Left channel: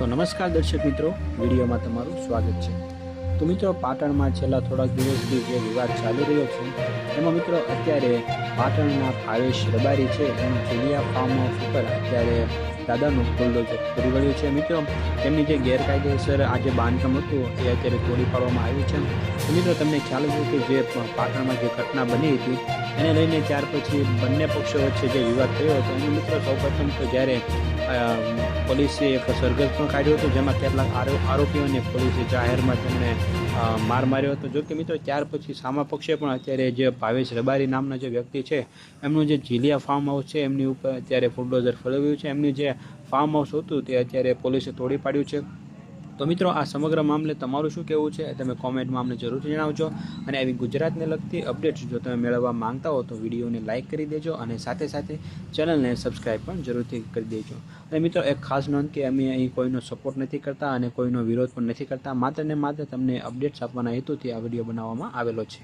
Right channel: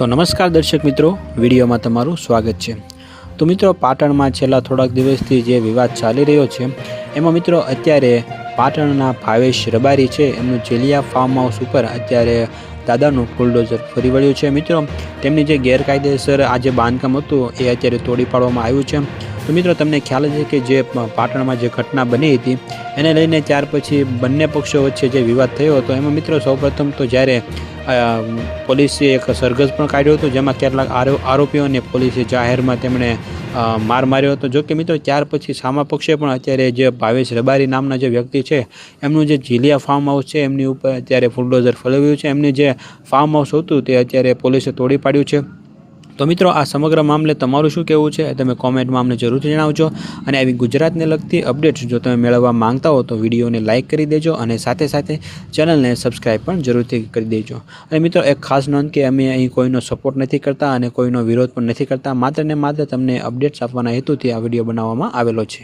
તો નમસ્કાર દર્શક મિત્રો, વિડીયોમાં તમારું સ્વાગત છે। તો મિત્રો, પાટણમાં છેલ્લા થોડાક દિવસથી જે વિવાદ ચાલી રહ્યો છે એમાં મિત્રો અત્યારે પાટણના ભાવેશ રબારી છે એમનું જેલિયા ફાર્મ હાઉસ ઉપર અત્યારે દાદાનું બુલડોઝર ફરી વળ્યું છે। મિત્રો, તેમની જે ગેરકાયદેસર આ જે બાંધકામ હતું એ અત્યારે તોડી પાડવામાં આવ્યું છે। તો મિત્રો, તમને ખ્યાલ છે કે જે પાટણમાં જે ઘટના બની હતી એને લઈને ત્યાર પછી બંને પક્ષો વચ્ચે જે વિવાદ થયો હતો એમાં મિત્રો સૌપ્રથમ તો જ્યારે પોલીસે એક સરઘસ પણ કાઢ્યો હતો જેમાં કેટલાક આરોપીઓને પોલીસે જાહેરમાં તેમણે માર માર્યો હતો। જો કે મિત્રો, ત્યાર પછી સામા પક્ષે પણ અત્યારે જે ભાવેશ રબારી નામના જે વ્યક્તિ છે એમનું જે જેલિયા ફાર્મ હાઉસ છે એમની ઉપર અત્યારે બુલડોઝર ફેરવ્યું છે। એમની જે ફાર્મ હાઉસ હતું તે અત્યારે પોલીસે તોડી પાડ્યું છે। તો મિત્રો, આ સમગ્ર મામલે તમારું શું કહેવું છે તમે કોમેન્ટમાં અમને જરૂરથી જણાવજો। અને આવી ગુજરાતને લગતી અપડેટ્સ જો તમે મેળવવા માંગતા હો તો વિડીયોને લાઇક કરી દેજો અને સાથે સાથે ચેનલને સબસ્ક્રાઈબ પણ જરૂરથી કરી દેજો। અને મિત્રો, એક ખાસ નોંધ કે અમે અહીં કોઈનો સપોર્ટ નથી કરતા અને કોઈનો વિરોધ પણ નથી કરતા, માત્ર ને માત્ર તમને અપડેટ્સ આપવાના હેતુથી આ વિડીયો બનાવવામાં આવેલો છે।